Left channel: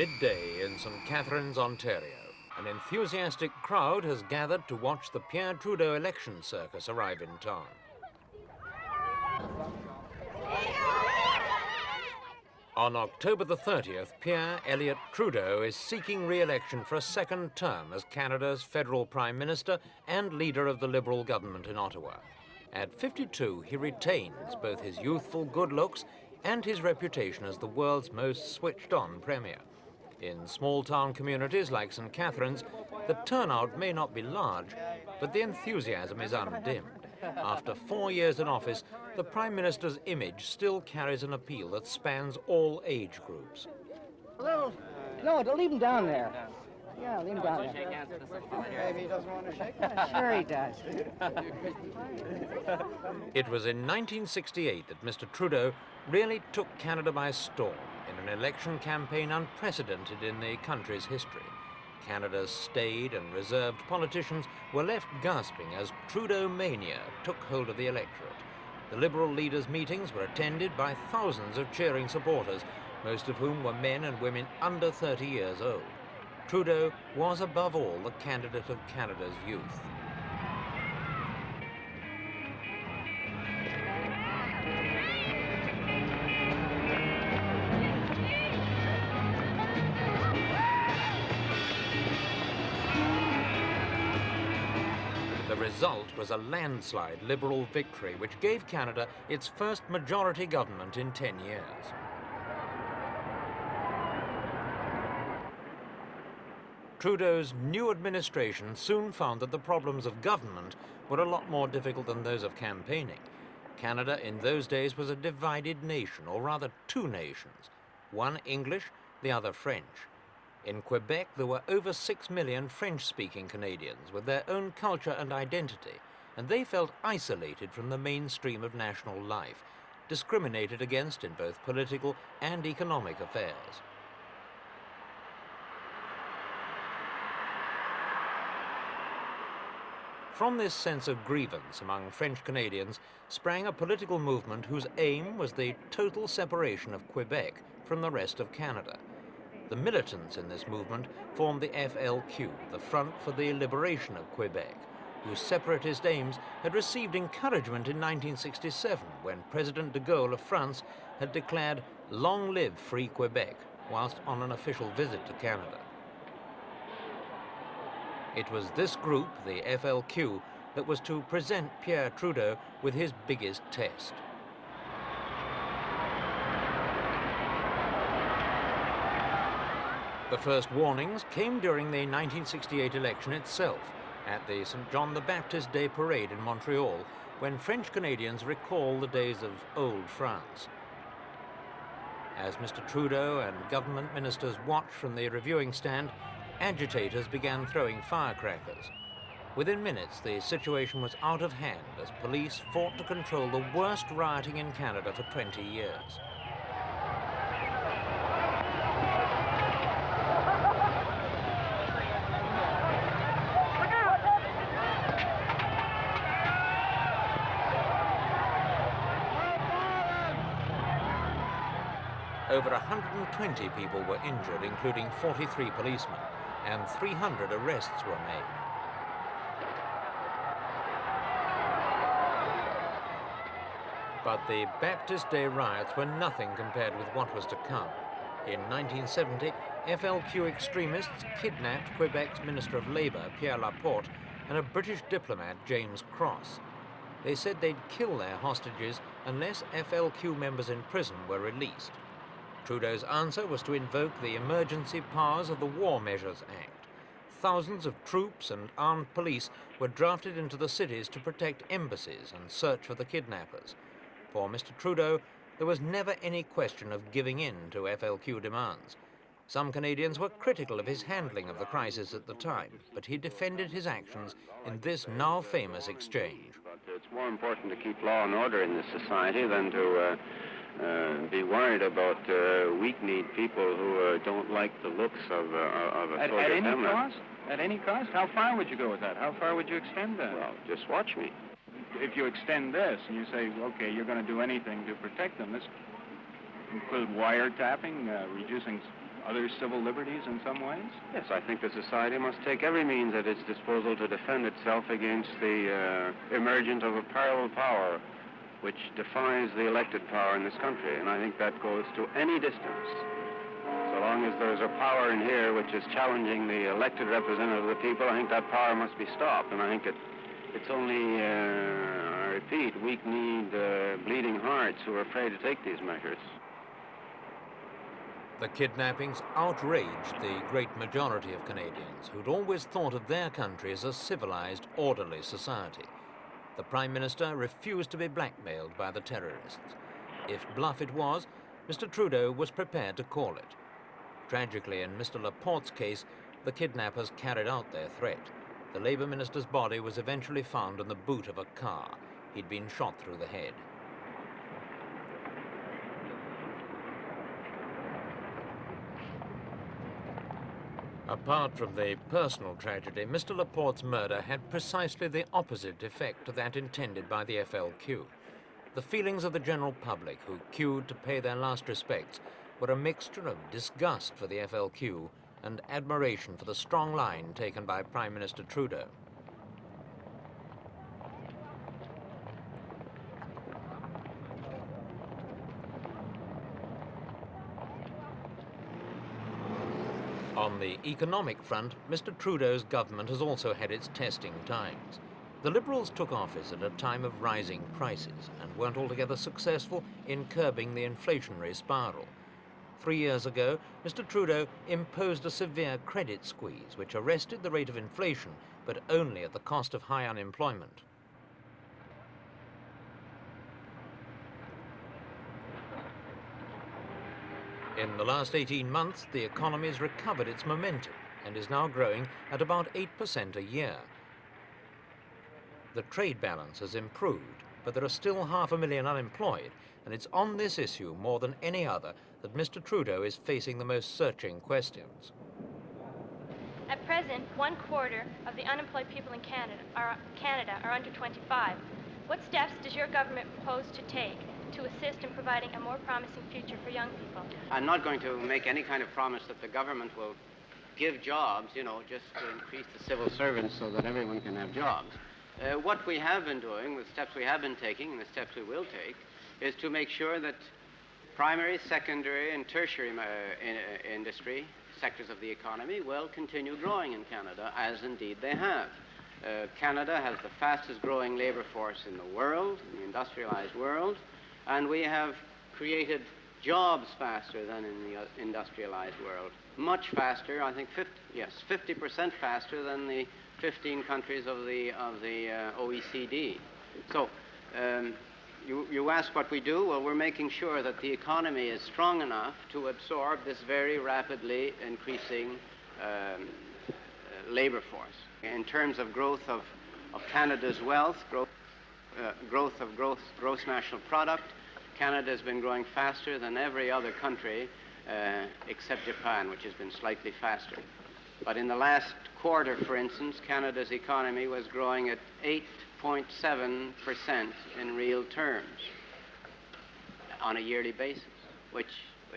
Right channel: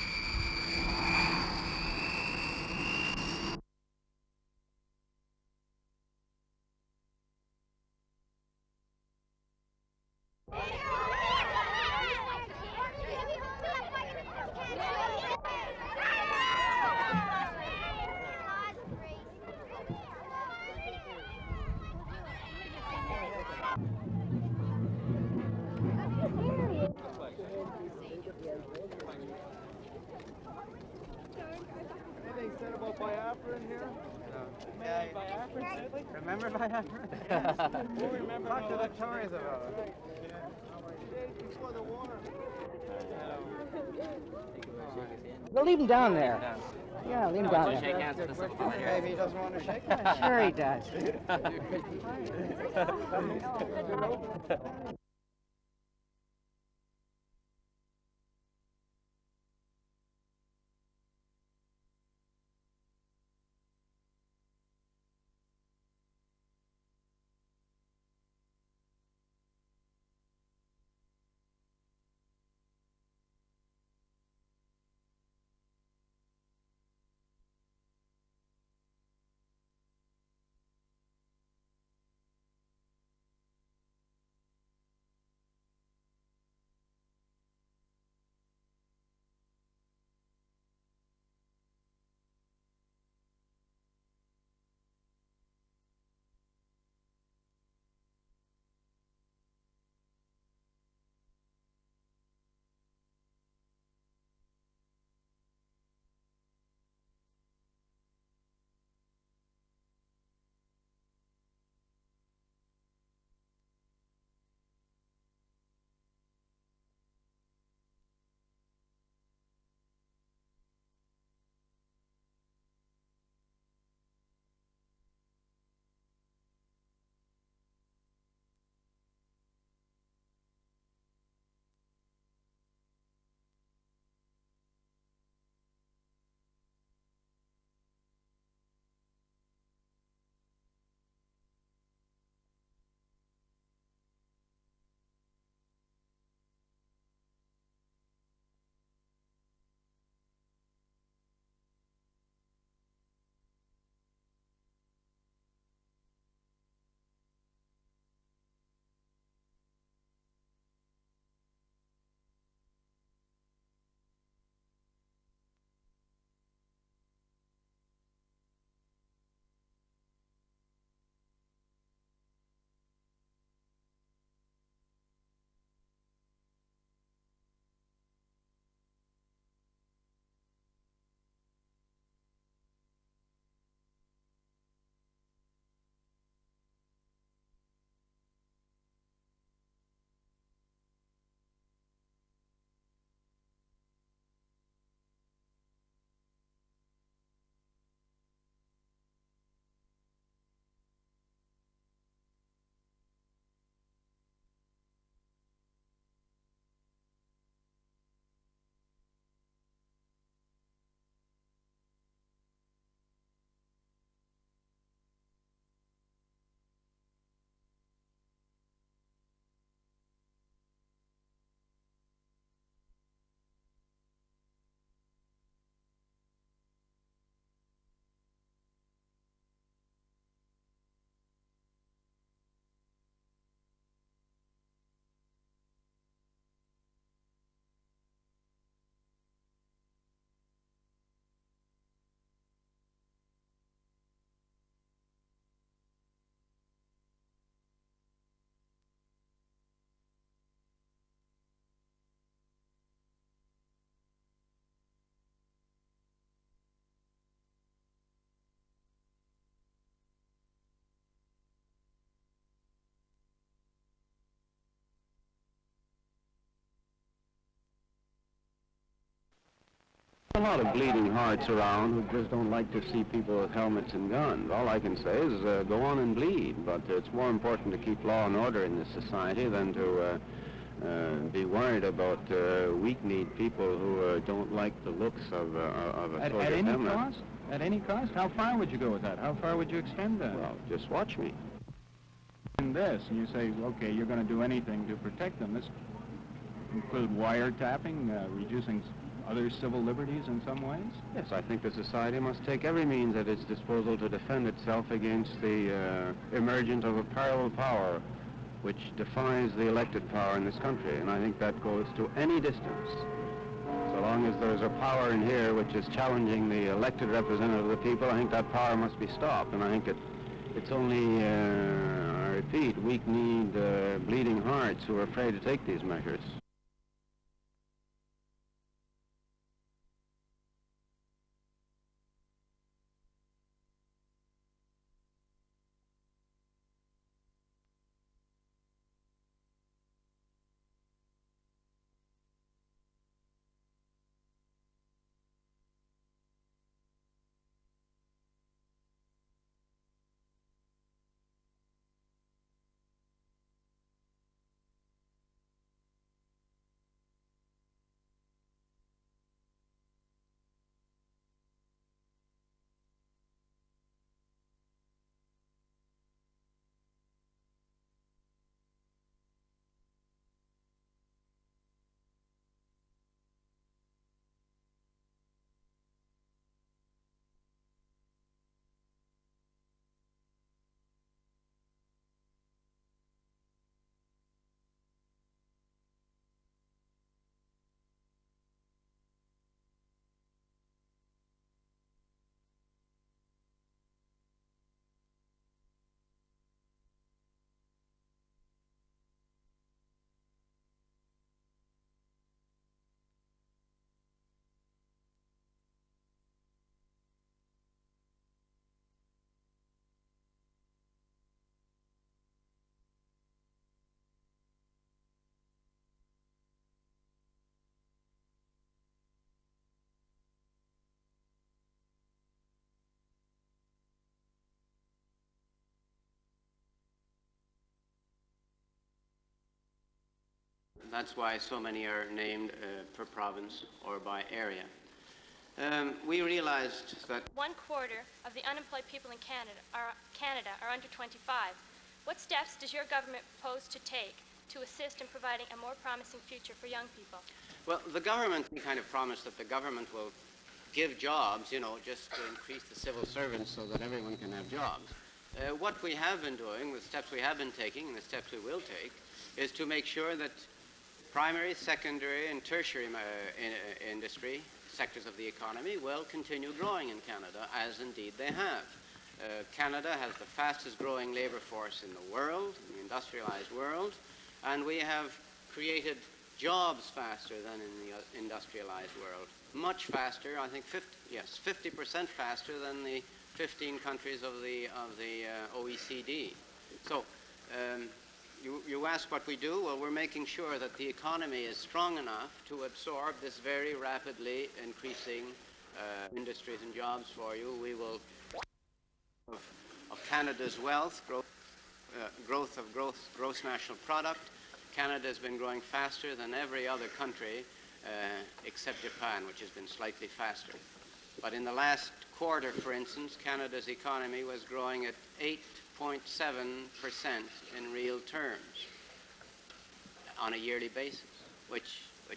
midday in St. Catharines, Ontario. An enthusiastic crowd has gathered to watch the Pierre Trudeau election circus arrive in town. On October the 30th, Pierre Elliot Trudeau is seeking re-election for a second term as Canada's federal Prime Minister and leader of the Liberal government in Ottawa. At 52, he retains both his youthful good looks and his reputation as the world's most switched-on premier. In small-town communities like St. Catharines, the turnout may not be large, but the enthusiasm is undimmed. After 4 years in office, the Prime Minister's image still carries an appeal that spans all age groups. No, don't leave him down there. Yeah, leave him down there. It was in 1968 that Mr. Trudeau really took Canada by storm in an election campaign unprecedented in the country's history. Canada's staid and reserved politicians were left gasping as Trudeaumania took hold of the electorate. The Liberal leaders' meetings were attended by thousands of cheering supporters, most of whom were men and women under 30 years old. Trudeau was above all the candidate of Canada's youth. The result was a landslide Liberal victory which gave Canada its first majority government in 10 years. Trudeau's new administration soon found that the problems of government were a lot more difficult than those of campaigning. Canada in those days was a divided nation, or rather two nations, one English, the other French. In Quebec, there were over 6 million French-speaking Canadians with their own culture and identity, and they felt isolated from the mainstream of national life, discriminated against in both political and economic affairs. From this sense of grievance among French Canadians sprang a political movement whose aim was the total separation of Quebec from the rest of Canada. The militants in this movement formed the FLQ, the Front for the Liberation of Quebec, whose separatist aims had received encouragement in 1967 when President de Gaulle of France had declared "Long live free Quebec" whilst on an official visit to Canada. It was this group, the FLQ, that was to present Pierre Trudeau with his biggest test. The first warnings came during the 1968 election itself, at the St. John the Baptist Day Parade in Montreal, when French Canadians recall the days of old France. As Mr. Trudeau and government ministers watched from the reviewing stand, agitators began throwing firecrackers. Within minutes, the situation was out of hand as police fought to control the worst rioting in Canada for 20 years. Over 120 people were injured, including 43 policemen, and 300 arrests were made. But the Baptist Day riots were nothing compared with what was to come. In 1970, FLQ extremists kidnapped Quebec's Minister of Labour, Pierre Laporte, and a British diplomat, James Cross. They said they'd kill their hostages unless FLQ members in prison were released. Trudeau's answer was to invoke the emergency powers of the War Measures Act. Thousands of troops and armed police were drafted into the cities to protect embassies and search for the kidnappers. For Mr. Trudeau, there was never any question of giving in to FLQ demands. Some Canadians were critical of his handling of the crisis at the time, but he defended his actions. All I can This say now is famous go on exchange. indeed, but it's more important to keep law and order in this society than to be worried about weak-kneed people who don't like the looks of a at any cost? At any cost? How far would you go with that? How far would you extend that? Well, just watch me. If you extend this and you say, okay, you're going to do anything to protect them, this include wiretapping, reducing other civil liberties in some ways? Yes, I think the society must take every means at its disposal to defend itself against the emergence of a parallel power which defies the elected power in this country, and I think that goes to any distance. So long as there's a power in here which is challenging the elected representative of the people, I think that power must be stopped, and I think it's only, I repeat, weak-kneed, bleeding hearts who are afraid to take these measures. The kidnappings outraged the great majority of Canadians who'd always thought of their country as a civilized, orderly society. The Prime Minister refused to be blackmailed by the terrorists. If bluff it was, Mr. Trudeau was prepared to call it. Tragically, in Mr. Laporte's case, the kidnappers carried out their threat. The Labour Minister's body was eventually found in the boot of a car. He'd been shot through the head. Apart from the personal tragedy, Mr. Laporte's murder had precisely the opposite effect to that intended by the FLQ. The feelings of the general public who queued to pay their last respects were a mixture of disgust for the FLQ and admiration for the strong line taken by Prime Minister Trudeau. On the economic front, Mr. Trudeau's government has also had its testing times. The Liberals took office at a time of rising prices and weren't altogether successful in curbing the inflationary spiral. 3 years ago, Mr. Trudeau imposed a severe credit squeeze which arrested the rate of inflation, but only at the cost of high unemployment. In the last 18 months, the economy has recovered its momentum and is now growing at about 8% a year. The trade balance has improved, but there are still 500,000 unemployed, and it's on this issue more than any other that Mr. Trudeau is facing the most searching questions. We realize at present, 1/4 of the unemployed people in Canada are under 25. What steps does your government propose to take to assist in providing a more promising future for young people? I'm not going to make any kind of promise that the government will give jobs, you know, just to increase the civil servants so that everyone can have jobs. What we have been doing, the steps we have been taking, and the steps we will take, is to make sure that primary, secondary, and tertiary industry sectors of the economy will continue growing in Canada, as indeed they have. Canada has the fastest growing labor force in the world, in the industrialized world, and we have created jobs faster than in the industrialized world. Much faster, I think 50% faster than the 15 countries of the OECD. So you ask what we do. Well, we're making sure that the economy is strong enough to absorb this very rapidly increasing industries and jobs for labor force. In terms of growth of Canada's wealth, growth of gross national product, Canada has been growing faster than every other country except Japan, which has been slightly faster. But in the last quarter, for instance, Canada's economy was growing at 8.7% in real terms on a yearly basis, which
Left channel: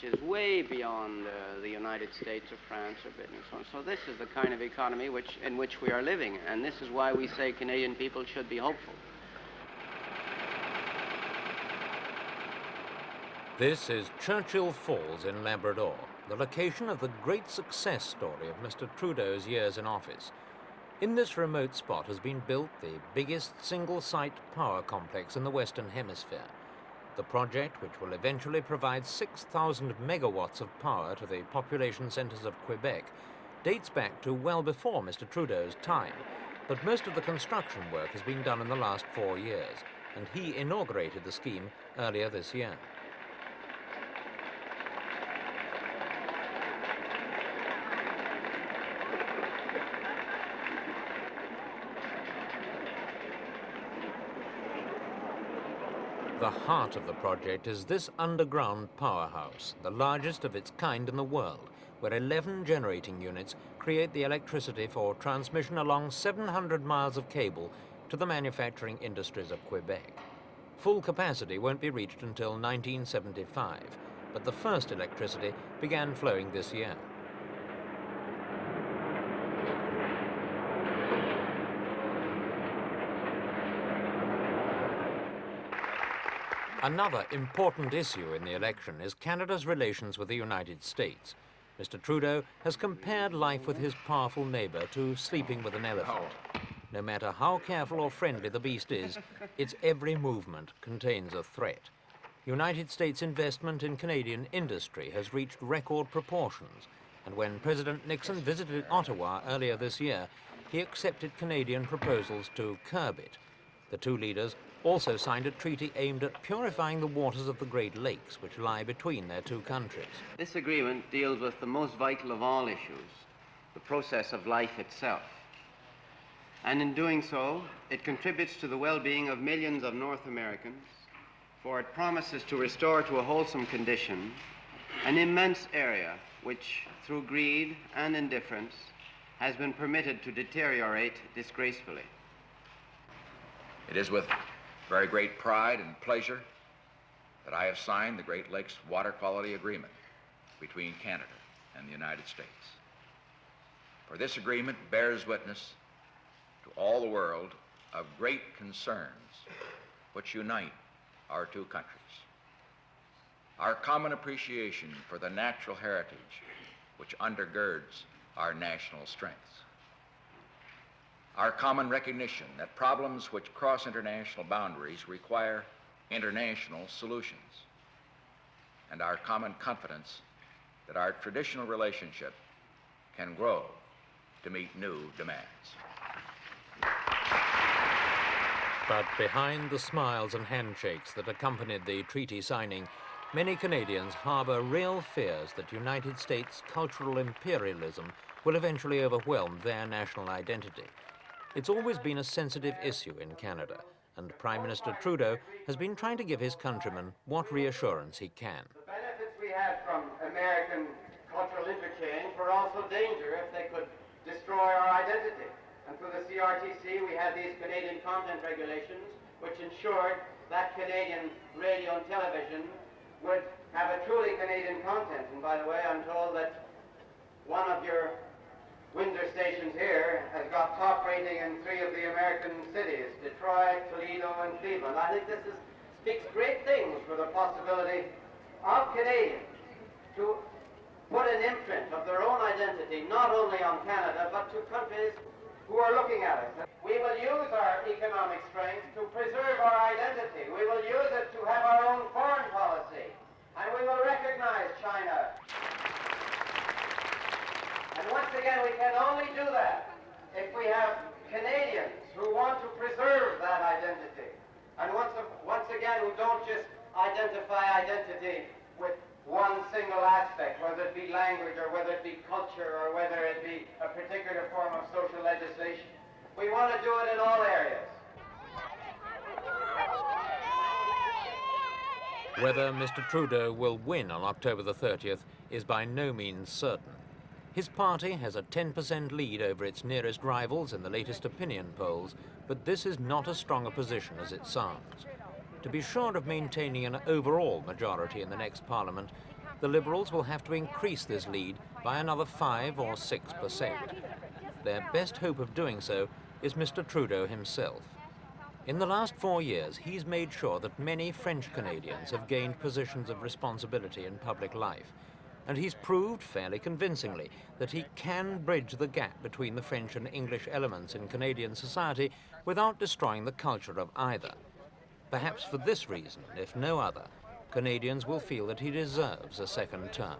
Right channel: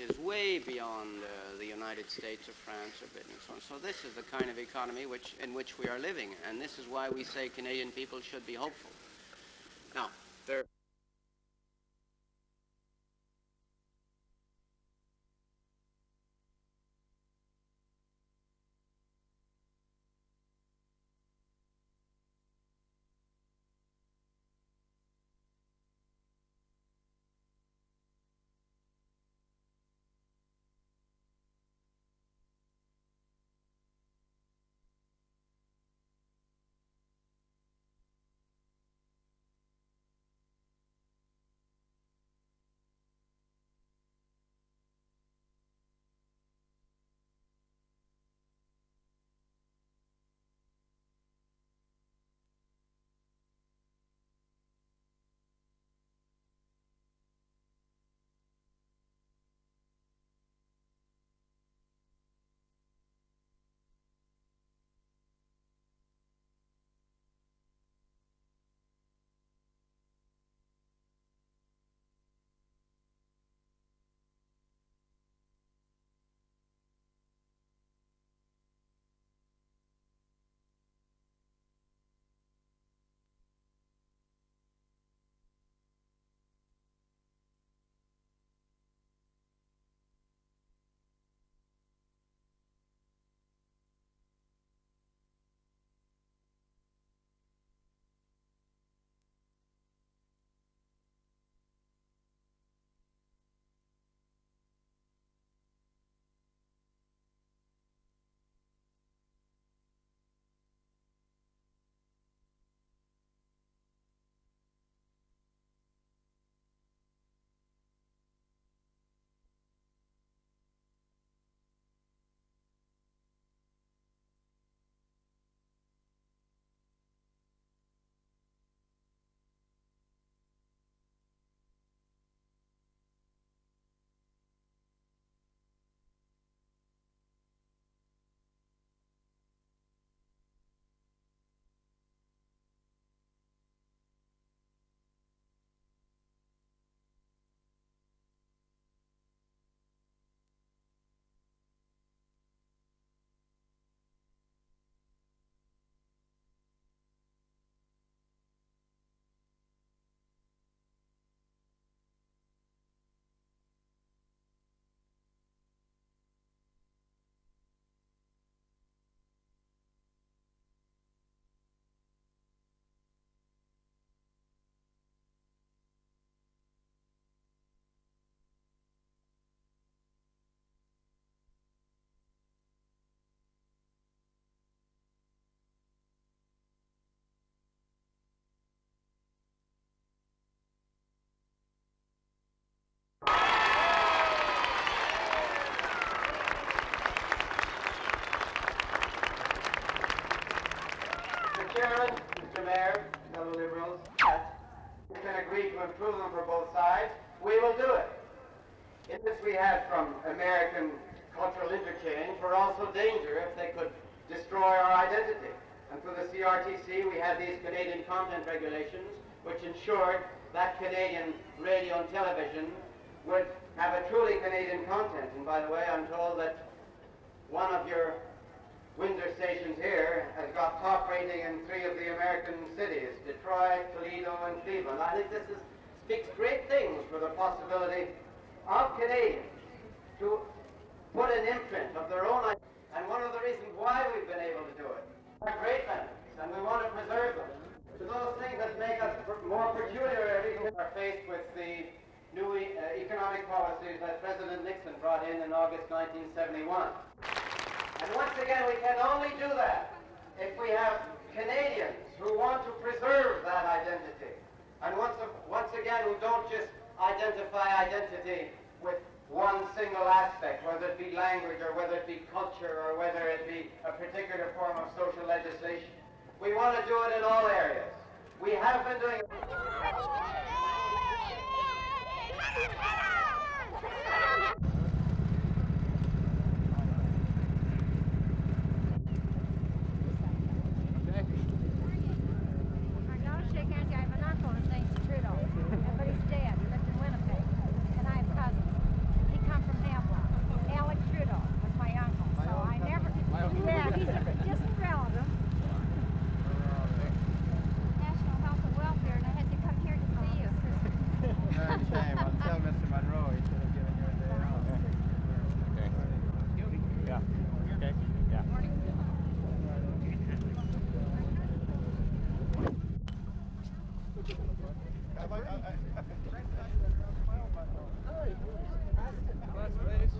is way beyond the United States or France or Britain and so on. So this is the kind of economy in which we are living, and this is why we say Canadian people should be hopeful. Now, This is Churchill Falls in Labrador, the location of the great success story of Mr. Trudeau's years in office. In this remote spot has been built the biggest single-site power complex in the Western Hemisphere. The project, which will eventually provide 6,000 megawatts of power to the population centres of Quebec, dates back to well before Mr. Trudeau's time, but most of the construction work has been done in the last 4 years, and he inaugurated the scheme earlier this year. The heart of the project is this underground powerhouse, the largest of its kind in the world, where 11 generating units create the electricity for transmission along 700 miles of cable to the manufacturing industries of Quebec. Full capacity won't be reached until 1975, but the first electricity began flowing this year. Another important issue in the election is Canada's relations with the United States. Mr. Trudeau has compared life with his powerful neighbour to sleeping with an elephant. No matter how careful or friendly the beast is, its every movement contains a threat. United States investment in Canadian industry has reached record proportions, and when President Nixon visited Ottawa earlier this year, he accepted Canadian proposals to curb it. The two leaders also signed a treaty aimed at purifying the waters of the Great Lakes, which lie between their two countries. This agreement deals with the most vital of all issues, the process of life itself. And in doing so, it contributes to the well-being of millions of North Americans, for it promises to restore to a wholesome condition an immense area which, through greed and indifference, has been permitted to deteriorate disgracefully. It is with very great pride and pleasure that I have signed the Great Lakes Water Quality Agreement between Canada and the United States. For this agreement bears witness to all the world of great concerns which unite our two countries. Our common appreciation for the natural heritage which undergirds our national strengths. Our common recognition that problems which cross international boundaries require international solutions. And our common confidence that our traditional relationship can grow to meet new demands. But behind the smiles and handshakes that accompanied the treaty signing, many Canadians harbour real fears that United States cultural imperialism will eventually overwhelm their national identity. It's always been a sensitive issue in Canada, and Prime Minister Trudeau has been trying to give his countrymen what reassurance he can. Benefits we had from American cultural interchange were also danger if they could destroy our identity. And through the CRTC, we had these Canadian content regulations, which ensured that Canadian radio and television would have a truly Canadian content. And by the way, I'm told that one of your Windsor stations here has got top rating in 3 of the American cities, Detroit, Toledo, and Cleveland. I think this speaks great things for the possibility of Canadians to put an imprint of their own identity, not only on Canada, but to countries who are looking at it. We will use our economic strength to preserve our identity. We will use it to have our own foreign policy, economic policy. And we will recognize China in August 1971. And once again, we can only do that if we have Canadians who want to preserve that identity. And once again, who don't just identify identity with one single aspect, whether it be language or whether it be culture or whether it be a particular form of social legislation. We want to do it in all areas. We have been doing it. Whether Mr. Trudeau will win on October the 30th is by no means certain. His party has a 10% lead over its nearest rivals in the latest opinion polls, but this is not as strong a position as it sounds. To be sure of maintaining an overall majority in the next Parliament, the Liberals will have to increase this lead by another 5 or 6%. Their best hope of doing so is Mr. Trudeau himself. In the last 4 years, he's made sure that many French Canadians have gained positions of responsibility in public life, and he's proved fairly convincingly that he can bridge the gap between the French and English elements in Canadian society without destroying the culture of either. Perhaps for this reason, if no other, Canadians will feel that he deserves a second term.